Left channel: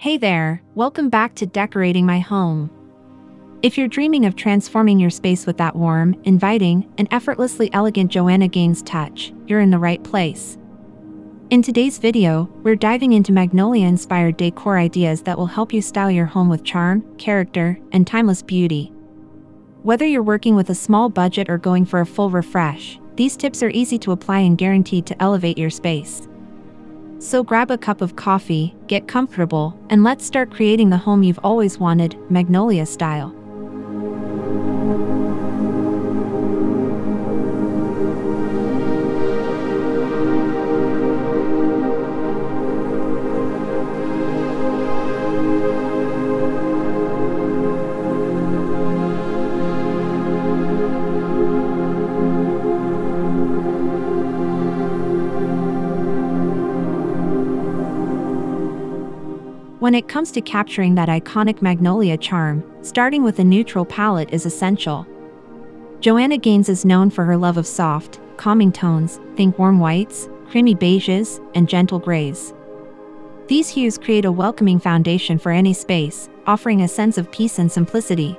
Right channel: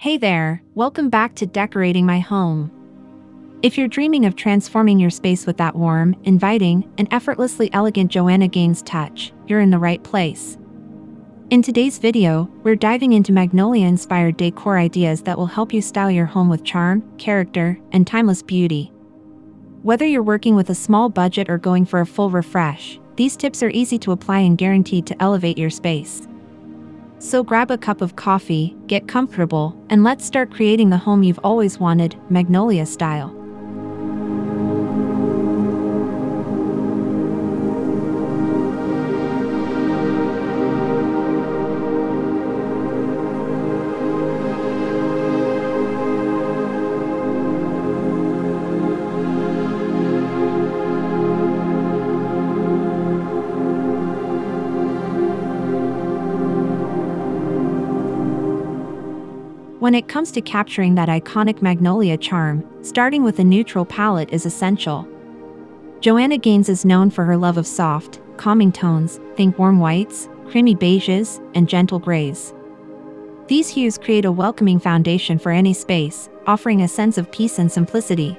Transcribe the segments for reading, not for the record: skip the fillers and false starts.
Hey there, welcome back to Decorating My Home. If you're dreaming of transforming your space with that warm, inviting, and effortlessly elegant Joanna Gaines touch, you're in the right place. In today's video, we're diving into Magnolia-inspired decor ideas that will help you style your home with charm, character, and timeless beauty. Whether you're working with a small budget or going for a full refresh, these tips are easy to apply and guaranteed to elevate your space. So grab a cup of coffee, get comfortable, and let's start creating the home you've always wanted, Magnolia style. When it comes to capturing that iconic Magnolia charm, starting with a neutral palette is essential. Joanna Gaines is known for her love of soft, calming tones, think warm whites, creamy beiges, and gentle grays. These hues create a welcoming foundation for any space, offering a sense of peace and simplicity.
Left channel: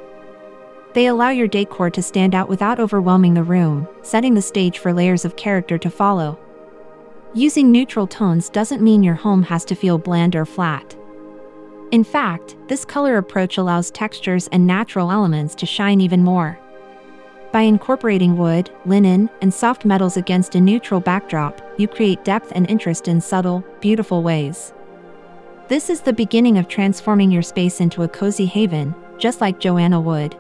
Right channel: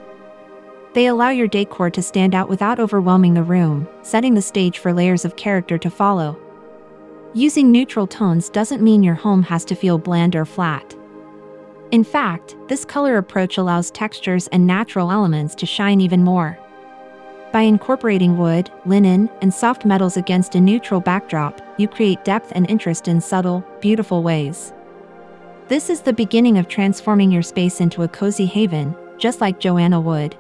They allow your decor to stand out without overwhelming the room, setting the stage for layers of character to follow. Using neutral tones doesn't mean your home has to feel bland or flat. In fact, this color approach allows textures and natural elements to shine even more. By incorporating wood, linen, and soft metals against a neutral backdrop, you create depth and interest in subtle, beautiful ways. This is the beginning of transforming your space into a cozy haven, just like Joanna would.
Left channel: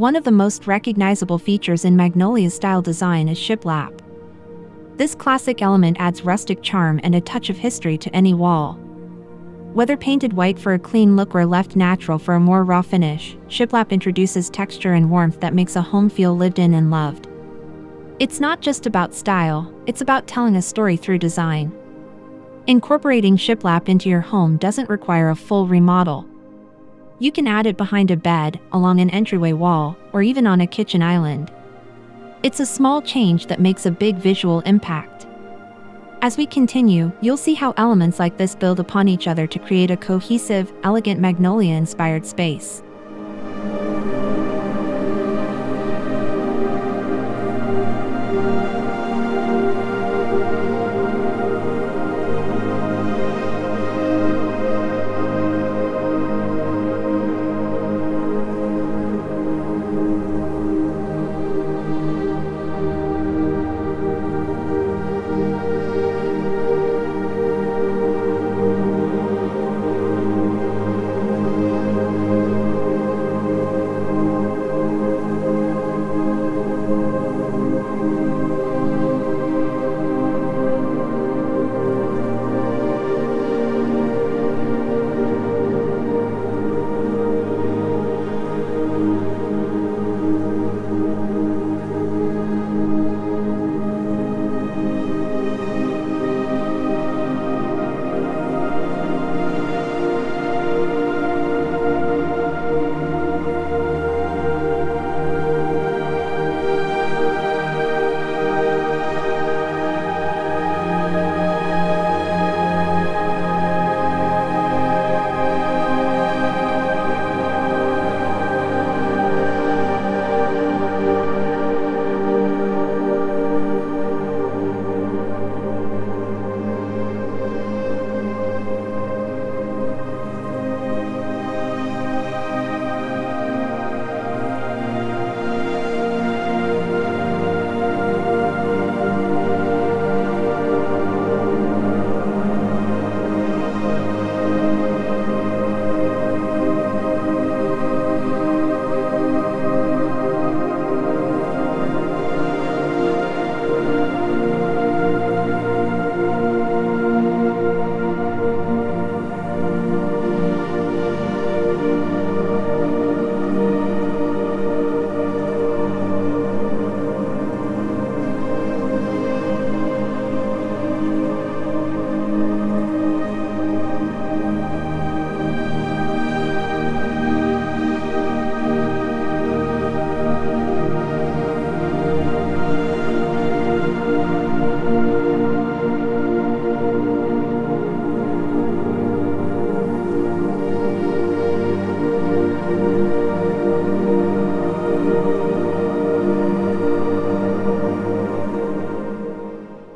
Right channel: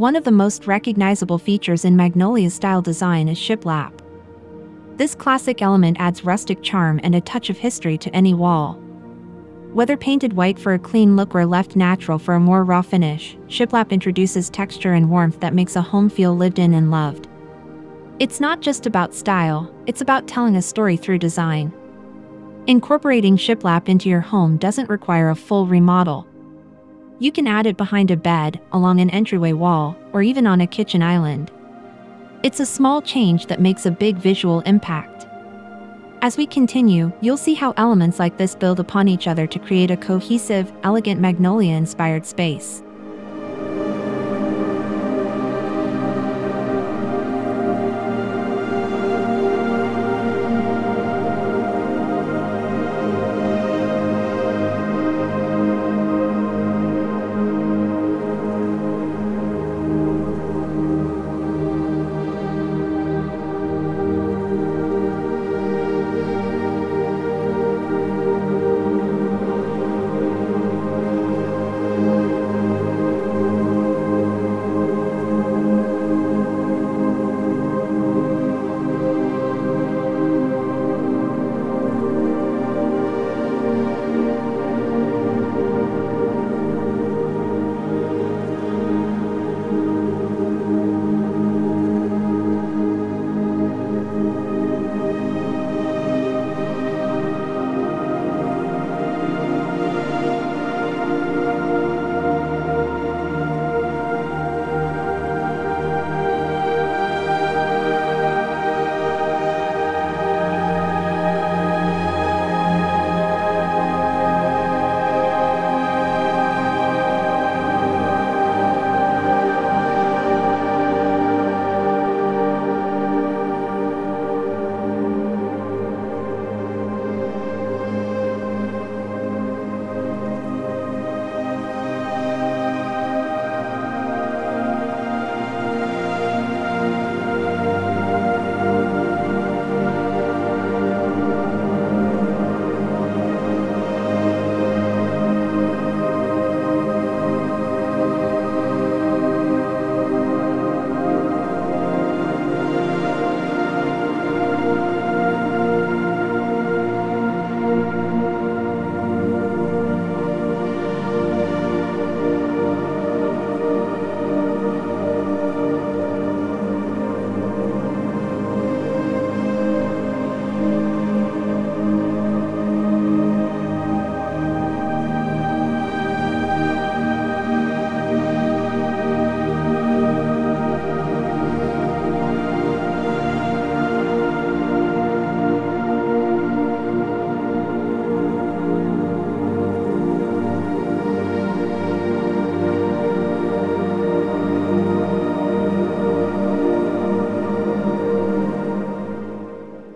One of the most recognizable features in Magnolia-style design is Shiplap. This classic element adds rustic charm and a touch of history to any wall. Whether painted white for a clean look or left natural for a more raw finish, Shiplap introduces texture and warmth that makes a home feel lived in and loved. It's not just about style, it's about telling a story through design. Incorporating Shiplap into your home doesn't require a full remodel. You can add it behind a bed, along an entryway wall, or even on a kitchen island. It's a small change that makes a big visual impact. As we continue, you'll see how elements like this build upon each other to create a cohesive, elegant Magnolia-inspired space.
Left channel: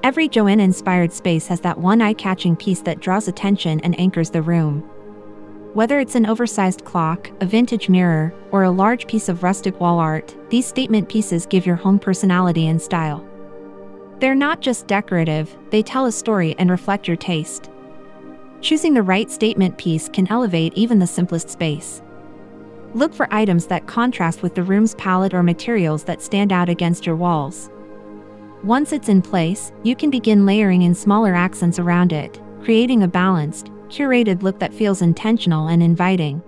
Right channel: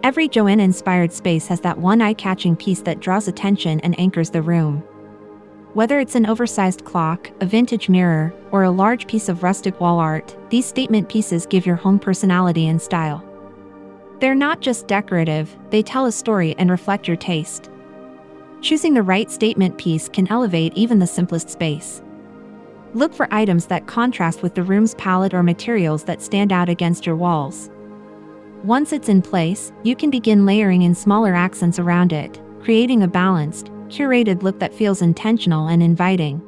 Every Joanna-inspired space has that one eye-catching piece that draws attention and anchors the room. Whether it's an oversized clock, a vintage mirror, or a large piece of rustic wall art, these statement pieces give your home personality and style. They're not just decorative, they tell a story and reflect your taste. Choosing the right statement piece can elevate even the simplest space. Look for items that contrast with the room's palette or materials that stand out against your walls. Once it's in place, you can begin layering in smaller accents around it, creating a balanced, curated look that feels intentional and inviting.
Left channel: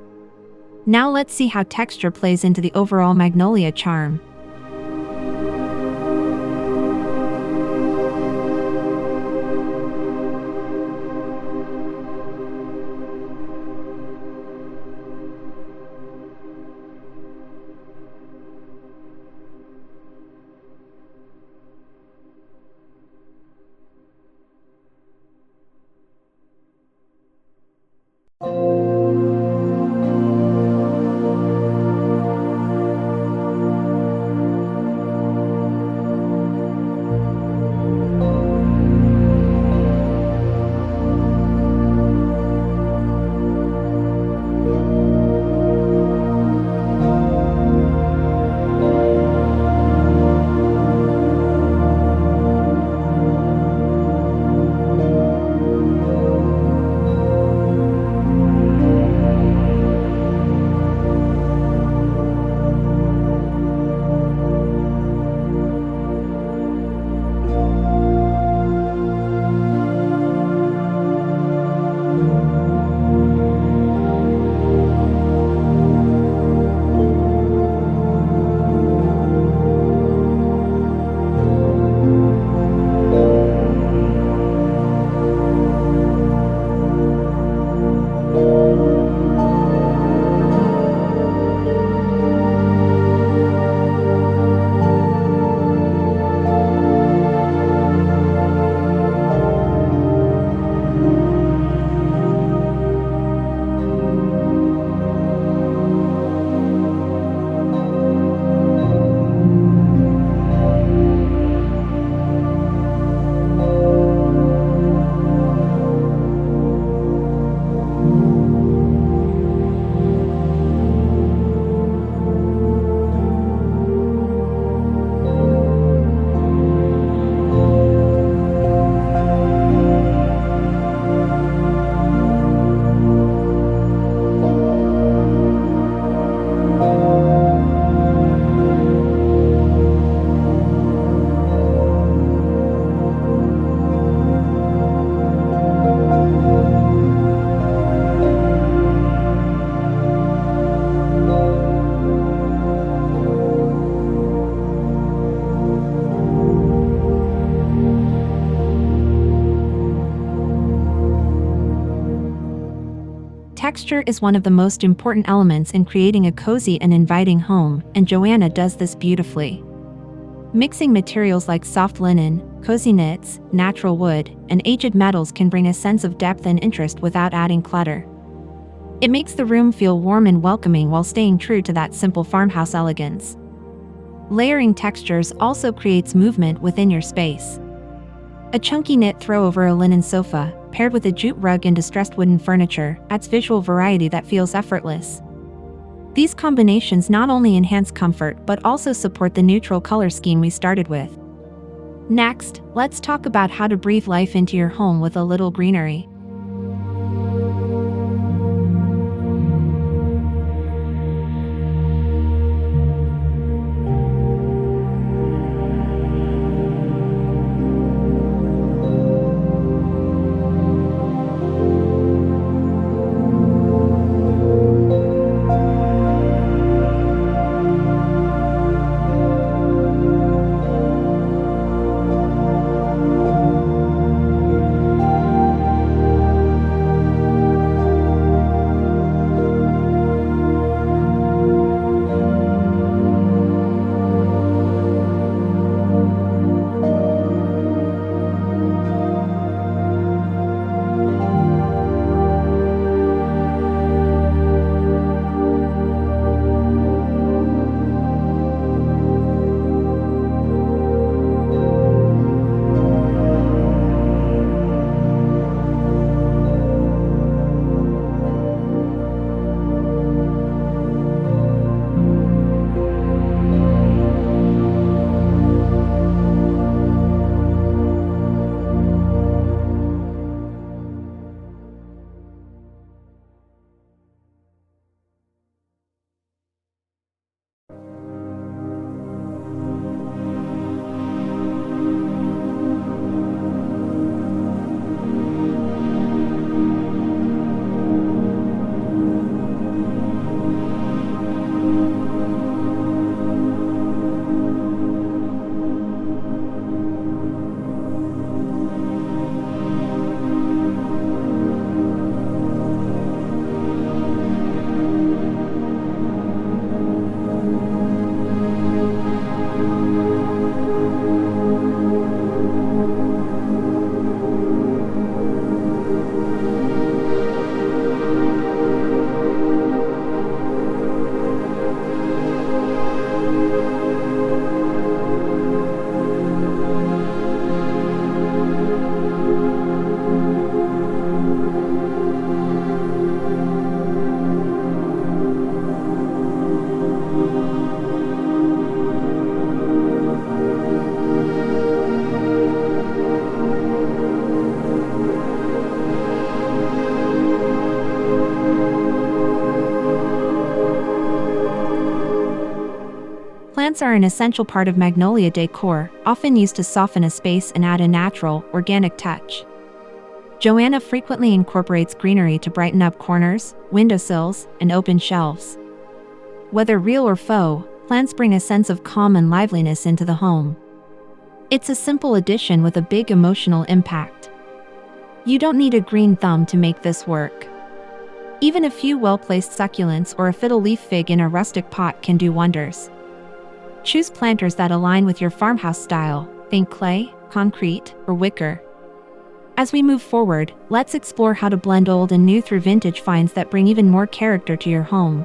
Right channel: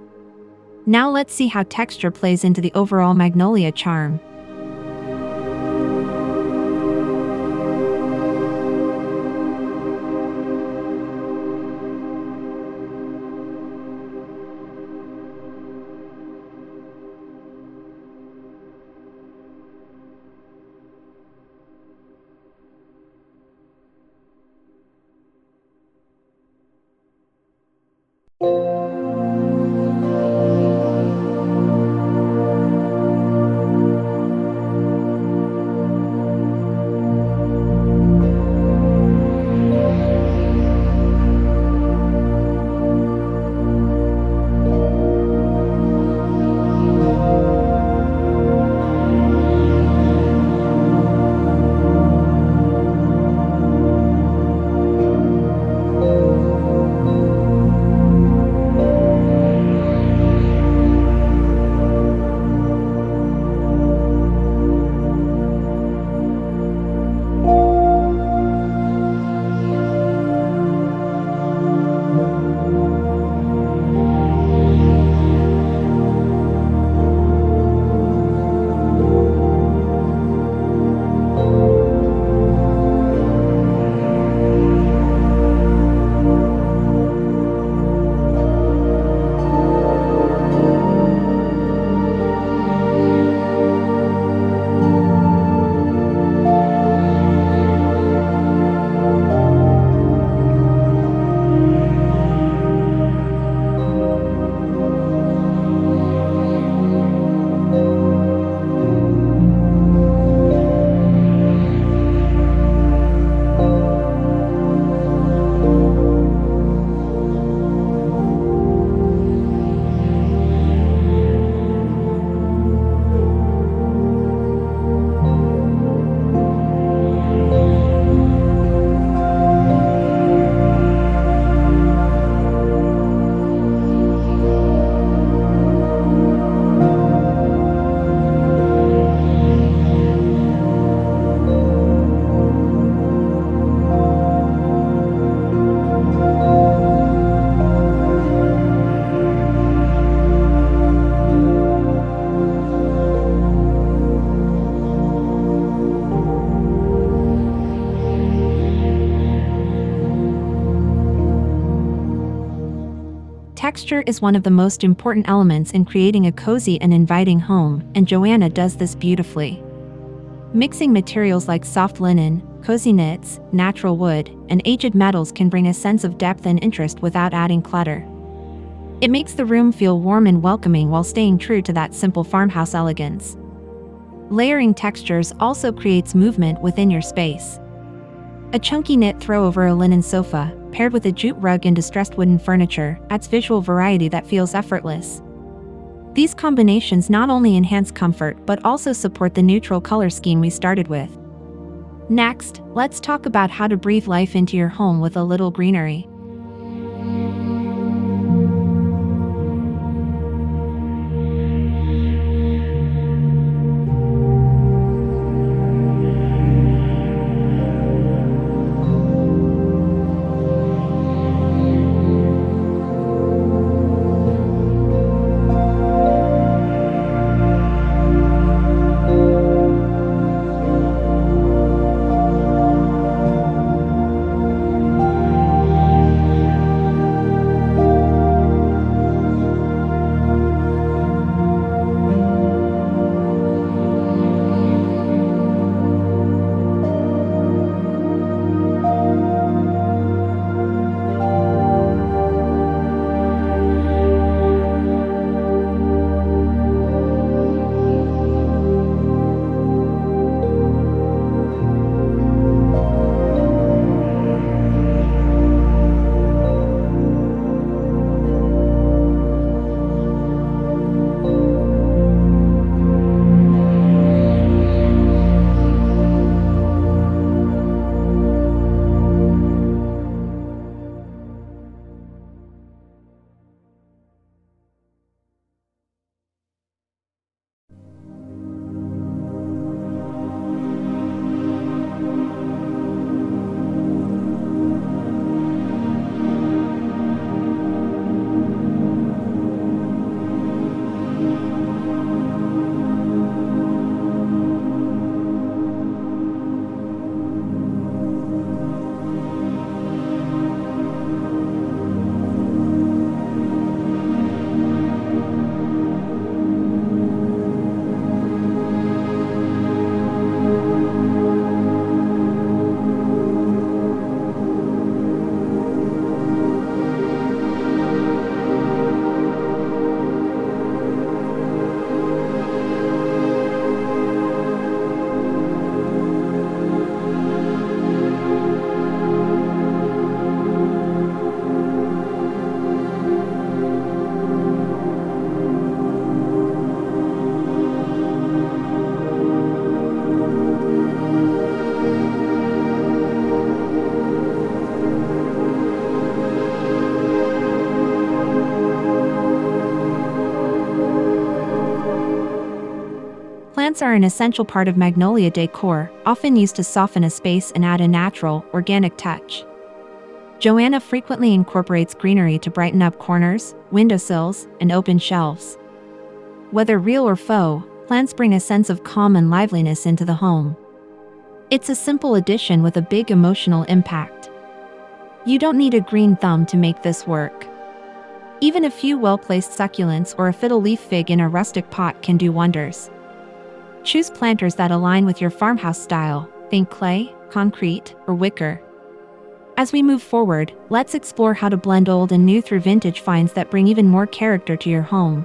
Now let's see how texture plays into the overall Magnolia charm. Texture is one of the most important elements in creating a cozy and inviting home, and Joanna does this beautifully. Mixing materials like soft linen, cozy knits, natural wood, and aged metals can bring a sense of depth and interest without adding clutter. It makes the room feel warm and welcoming while staying true to that simple farmhouse elegance. Layering textures also creates movement within your space. A chunky knit throw over a linen sofa, paired with a jute rug and distressed wooden furniture, adds visual variety that feels effortless. These combinations not only enhance comfort but also support the neutral color scheme we started with. Next, let's talk about how to breathe life into your home with a little greenery. Plants are an essential part of Magnolia Decor, often used to soften a space and add a natural, organic touch. Joanna frequently incorporates greenery to brighten up corners, windowsills, and open shelves. Whether real or faux, plants bring a sense of calm and liveliness into the home. It's a simple addition with a big emotional impact. You don't need a green thumb to make this work. Even a few well-placed succulents or a fiddle leaf fig in a rustic pot can do wonders. Choose planters that align with your farmhouse style, think clay, concrete, or wicker. As we move forward, let's explore how to blend old and new through vintage finds that bring even more character to your home.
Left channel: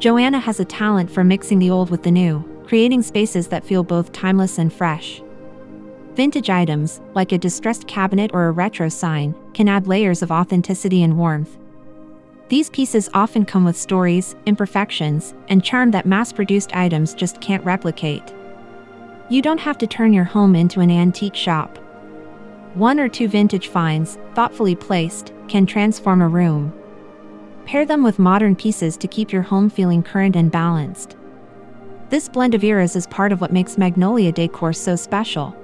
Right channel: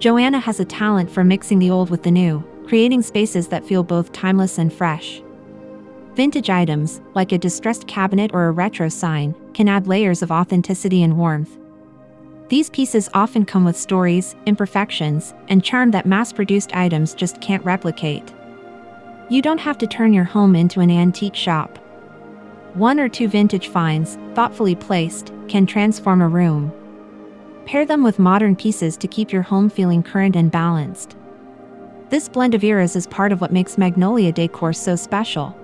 Joanna has a talent for mixing the old with the new, creating spaces that feel both timeless and fresh. Vintage items, like a distressed cabinet or a retro sign, can add layers of authenticity and warmth. These pieces often come with stories, imperfections, and charm that mass-produced items just can't replicate. You don't have to turn your home into an antique shop. One or two vintage finds, thoughtfully placed, can transform a room. Pair them with modern pieces to keep your home feeling current and balanced. This blend of eras is part of what makes Magnolia Decor so special.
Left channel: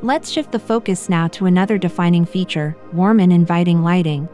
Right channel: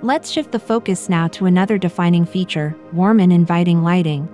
Let's shift the focus now to another defining feature: warm and inviting lighting.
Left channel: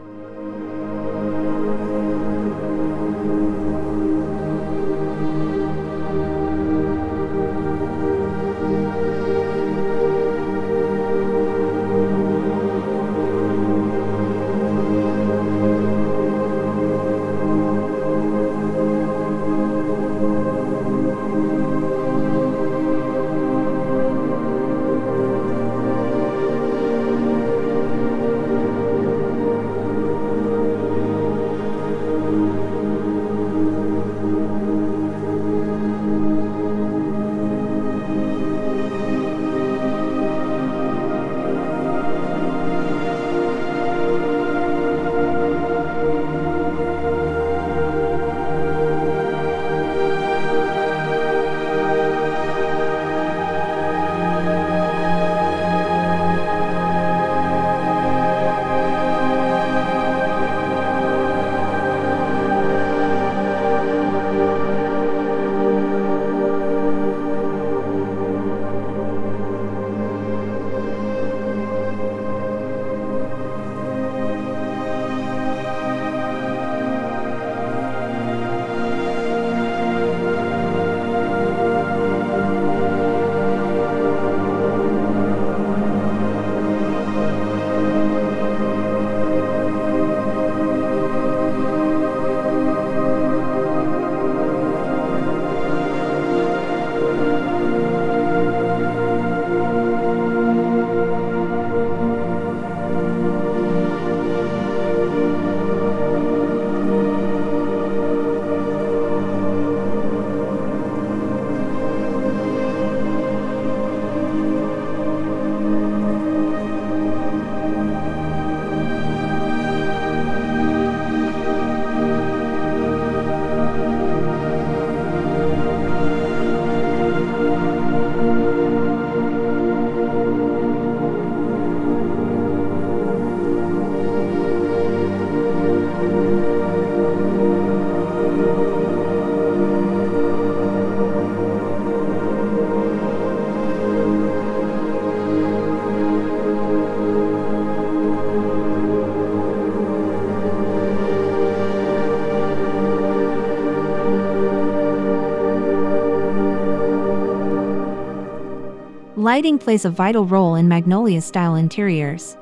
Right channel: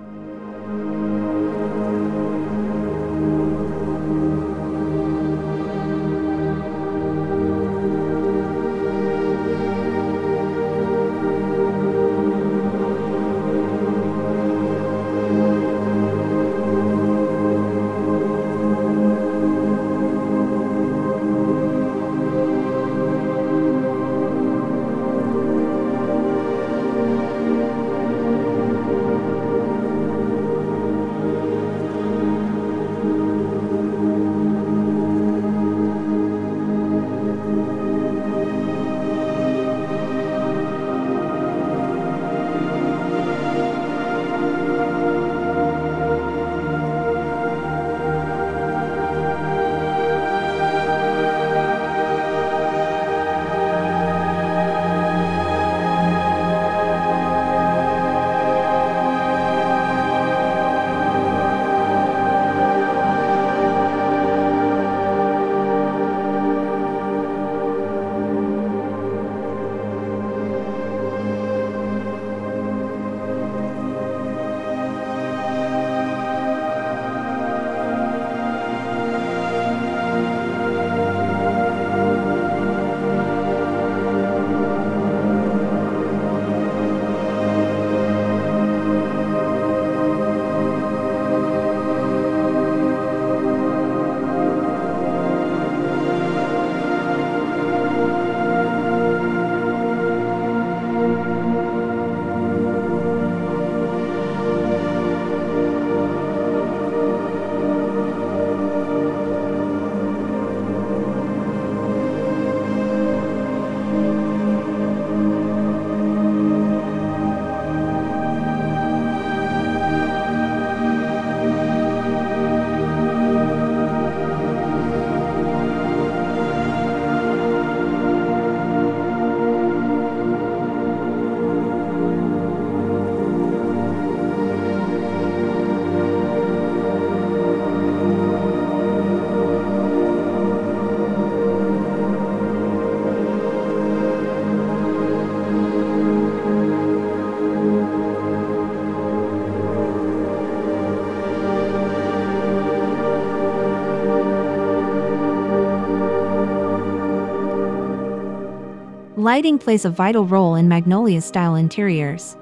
Lighting plays a vital role in Magnolia-style interiors.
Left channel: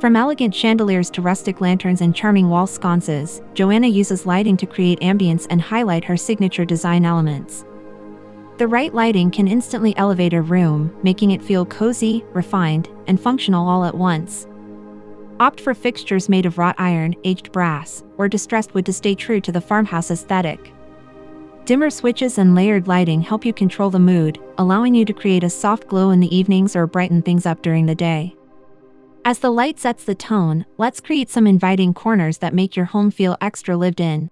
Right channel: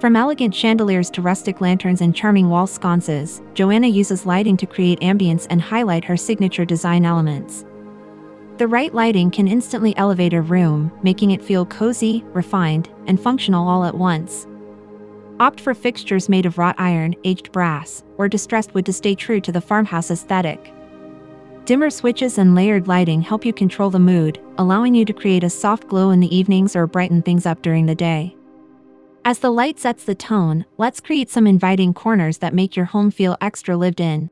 From elegant chandeliers to rustic lanterns and charming wall sconces, Joanna uses lighting to create ambience and highlight her signature design elements. The right lighting can instantly elevate a room, making it feel cozy, refined, and functional all at once. Opt for fixtures made of wrought iron, aged brass, or distressed wood to stay true to the farmhouse aesthetic. Dimmer switches and layered lighting help you control the mood, allowing you to create a soft glow in the evenings or brighten things up during the day. As the light sets the tone, let's create some inviting corners that make your home feel extra lived in.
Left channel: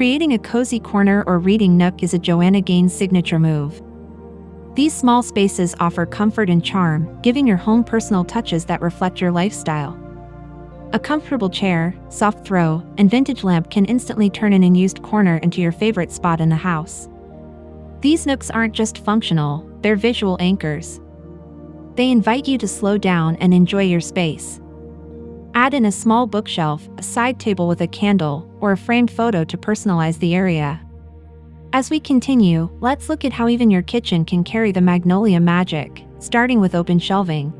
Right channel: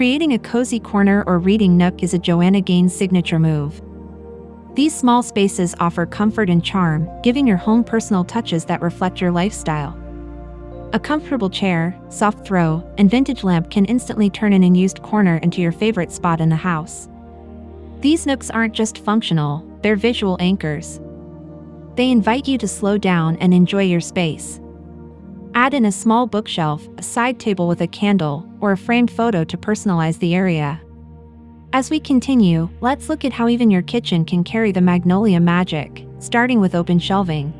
Creating a cozy corner or reading nook is a Joanna Gaines signature move. These small spaces offer comfort and charm, giving your home personal touches that reflect your lifestyle. A comfortable chair, soft throw, and vintage lamp can instantly turn an unused corner into your favorite spot in the house. These nooks aren't just functional, they're visual anchors. They invite you to slow down and enjoy your space. Add in a small bookshelf, a side table with a candle, or a framed photo to personalize the area. As we continue, let's look at how even your kitchen can carry the Magnolia magic, starting with open shelving.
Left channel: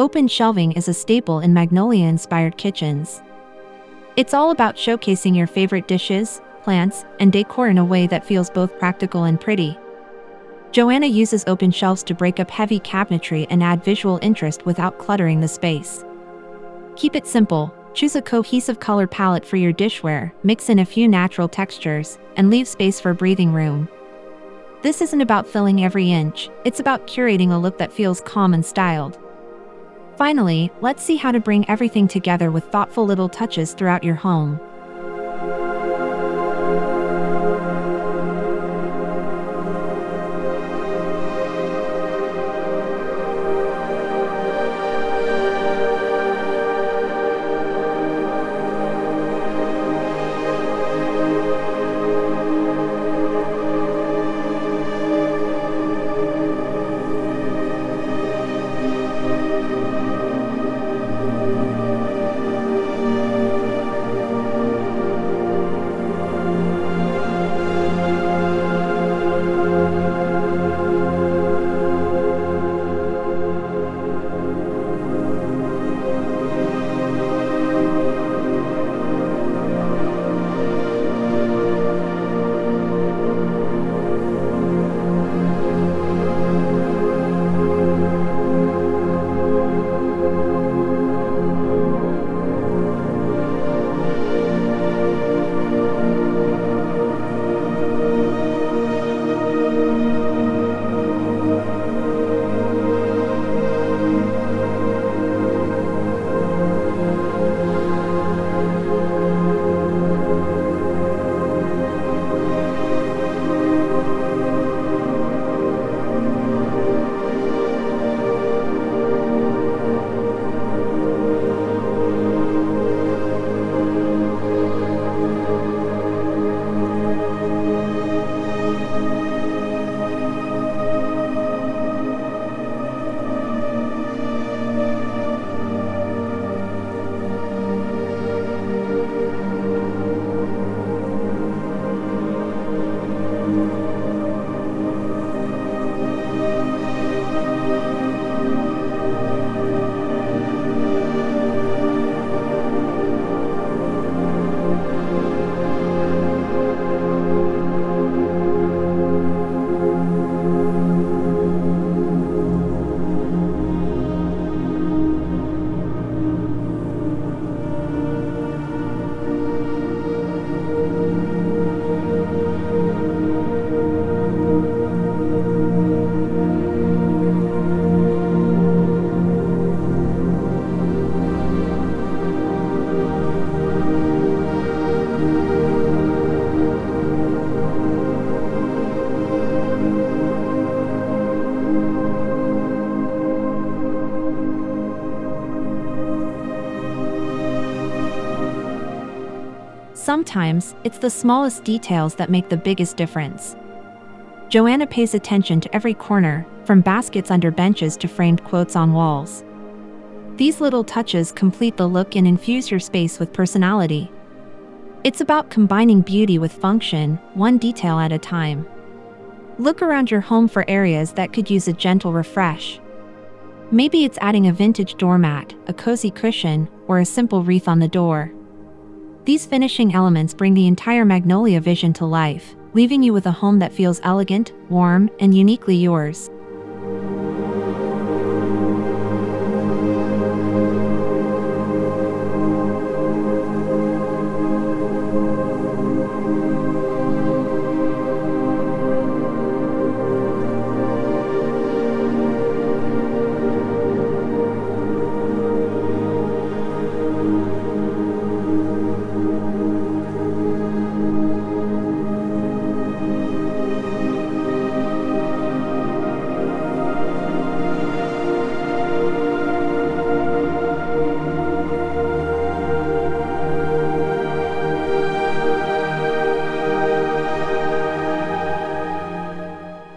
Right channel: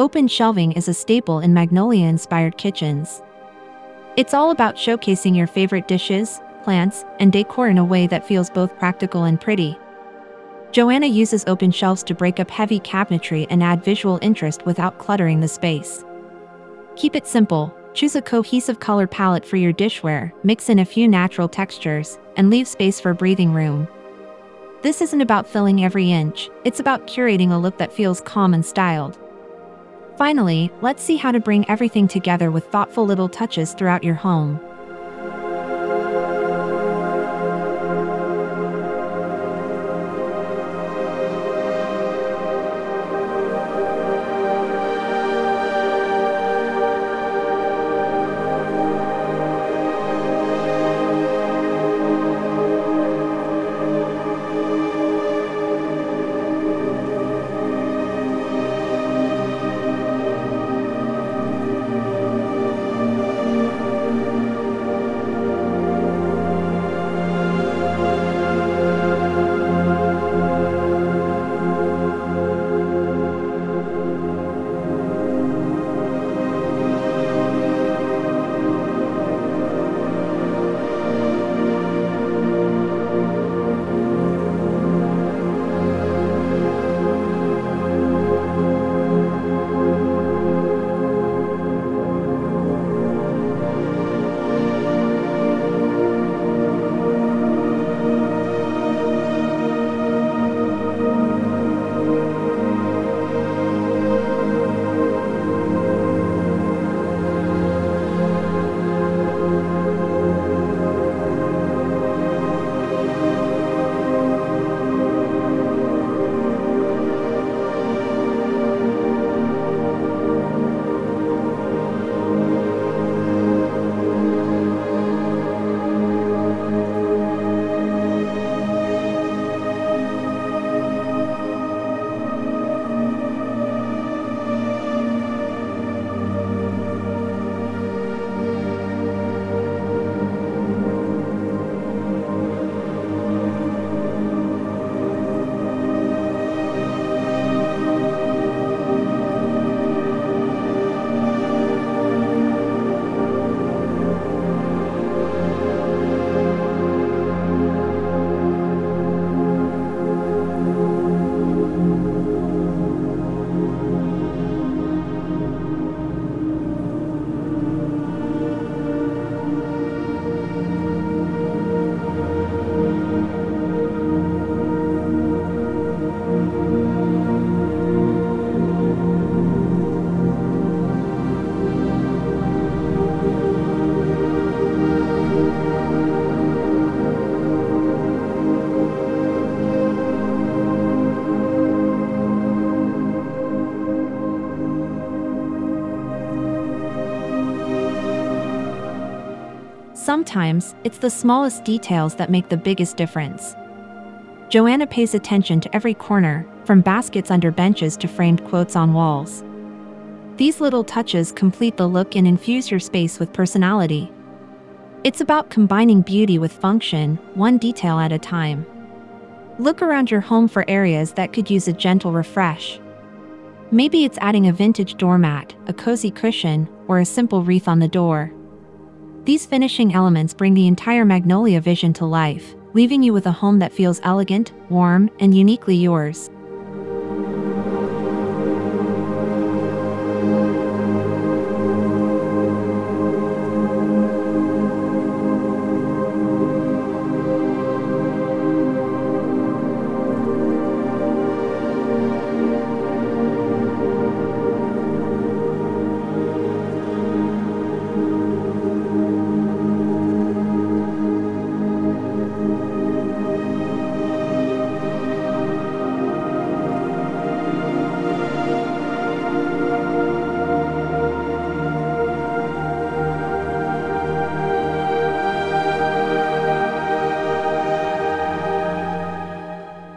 Open shelving is a staple in Magnolia-inspired kitchens. It's all about showcasing your favorite dishes, plants, and decor in a way that feels both practical and pretty. Joanna uses open shelves to break up heavy cabinetry and add visual interest without cluttering the space. Keep it simple, choose a cohesive color palette for your dishware, mix in a few natural textures, and leave space for breathing room. This isn't about filling every inch, it's about curating a look that feels calm and styled. Finally, let's see how to bring everything together with thoughtful little touches throughout your home. Sometimes, it's the smallest details that make the biggest difference. Joanna pays attention to every corner, from baskets under benches to framed quotes on walls. These little touches complete the look and infuse your space with personality. It's about combining beauty with function, one detail at a time. Look around your home for areas that could use a gentle refresh. Maybe it's adding a vintage doormat, a cozy cushion, or a simple wreath on the door. These finishing elements bring the entire Magnolia vision to life, leaving you with a home that feels elegant, warm, and uniquely yours.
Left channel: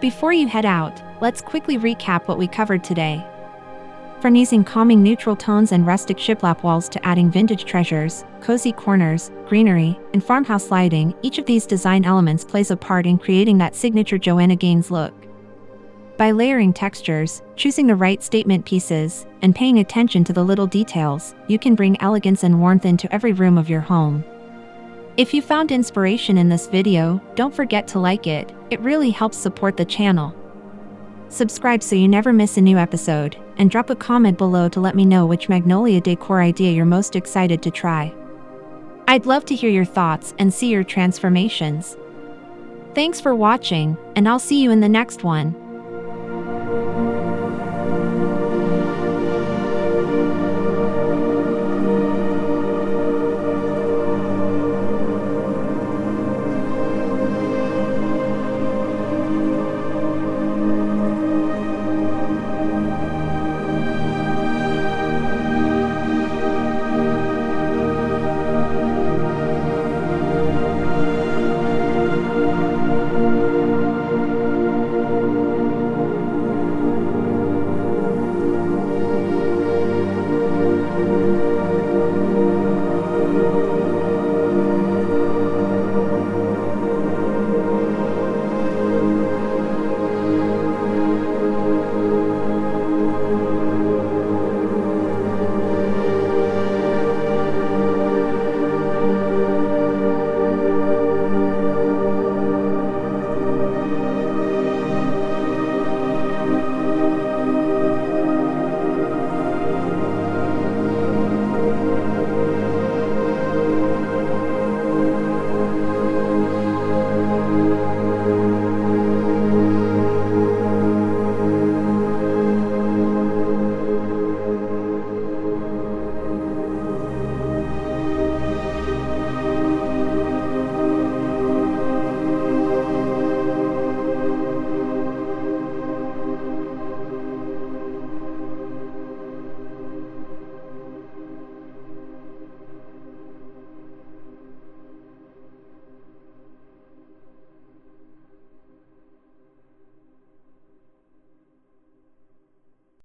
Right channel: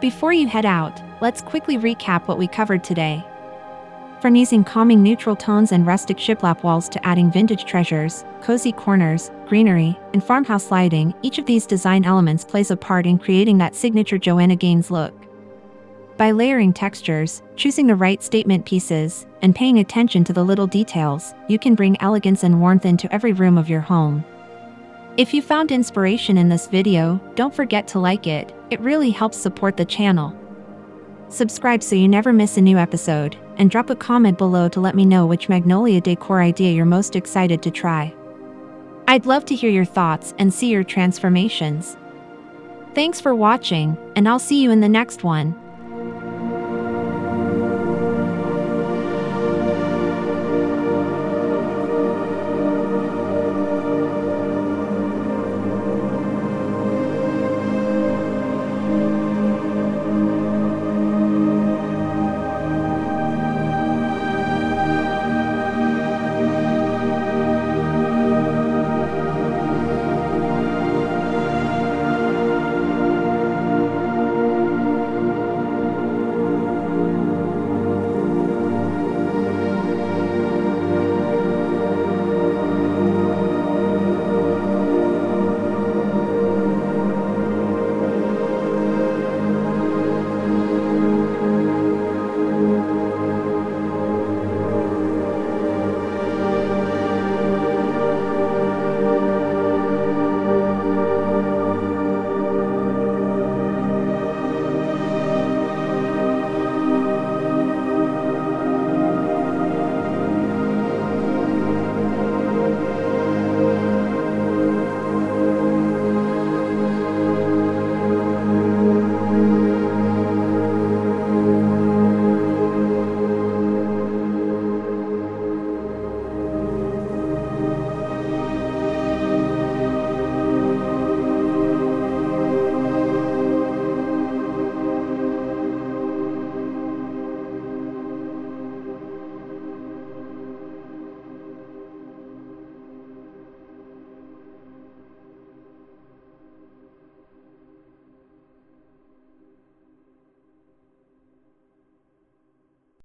Before you head out, let's quickly recap what we covered today. From using calming neutral tones and rustic shiplap walls to adding vintage treasures, cozy corners, greenery, and farmhouse lighting, each of these design elements plays a part in creating that signature Joanna Gaines look. By layering textures, choosing the right statement pieces, and paying attention to the little details, you can bring elegance and warmth into every room of your home. If you found inspiration in this video, don't forget to like it. It really helps support the channel. Subscribe so you never miss a new episode, and drop a comment below to let me know which Magnolia Decor idea you're most excited to try. I'd love to hear your thoughts and see your transformations. Thanks for watching, and I'll see you in the next one.